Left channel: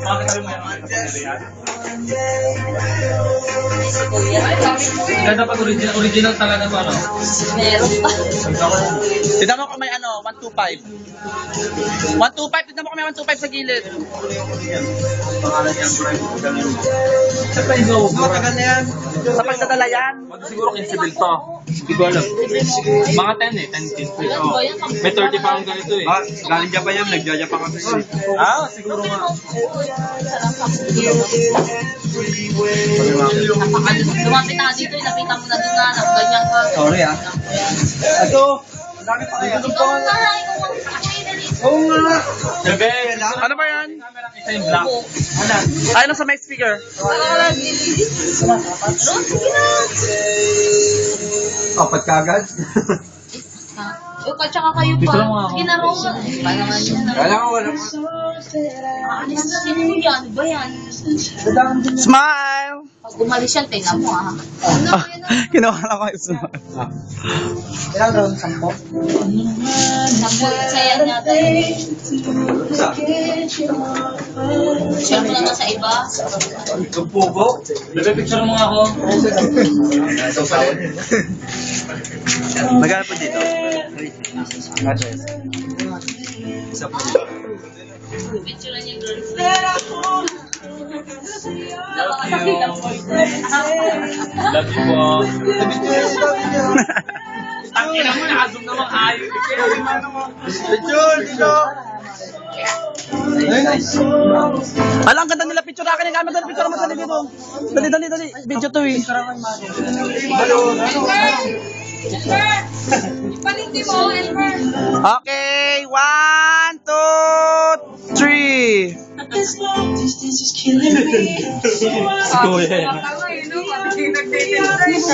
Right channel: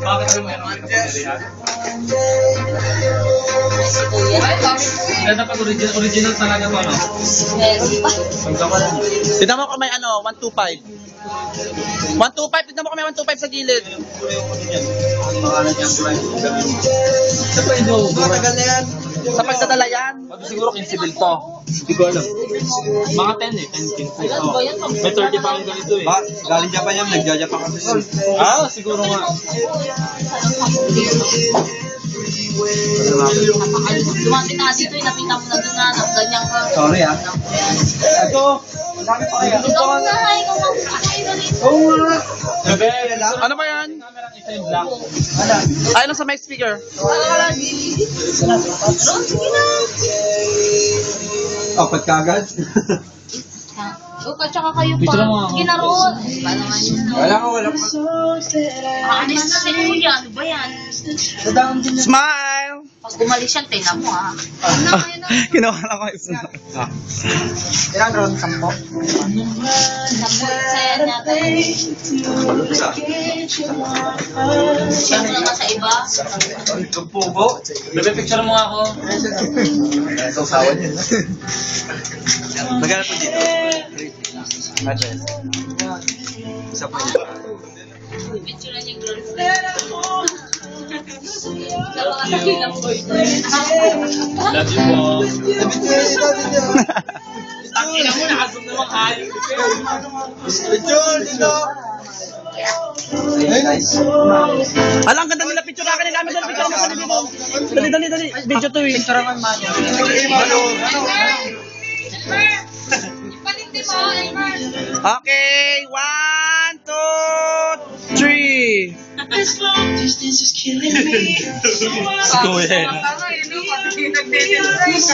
Bakit kayo mayroon kayo kapamilya? Ganda pag original talaga to, no? Meron pa. Tignan mo kung may ano, 125. 125, tignan mo kung may 125 sa gilid. Siyempre, hindi ako. Matagal na yan. Sa pagdadala yan. Siguro 15 bill to. Hindi ko alam. Mga 10 eh, 10, 15. Oh. May 30 pa ang ganito eh. Galing Japan yan, nagja-Japan kasi. Ah, siguro nga. Lumapit na dito, nakita mo na doon na ganyan ka. Sorry ah. Ito, ang dami pa kaya. Ikaw na, ikaw ang dali. Oo nga. Sabi, Ano ba yan? camera isa yung black. Ay, nasa mic speaker. Ron, sige na. Apat kagad. At saka kayo Picture pa. mo ako. Sige na, Ron. Wala ko, wala ko. Anis na si Kuya. Ano ba yan? Dadaan din Smile! Pag umalis yan, tingnan mo ah. Kinuha lang ko yung smile. Ilan ron? 10? Sampo, saya niya. Siyempre naman sa iba. Ang pugo. Bebe, picture mo ako. Sausawan yun. Magana po dito. Isa po. Picture na niya yung girlfriend. Sa mga sakilang boyfriend. Love you po. Tangina mo, nakasog na mga ayo. Picture, dito. Ay, nice. Alam, ganda nila picture na kanina. Dali, picture mo dali dito. Dali. Video to eh. Picture naman, man. Ipaninti mo, Elmer. Okay, 1, 2, 3. This long distance is killing me. So I School eh. Tama yun, no? Pag nagde-demonstrate.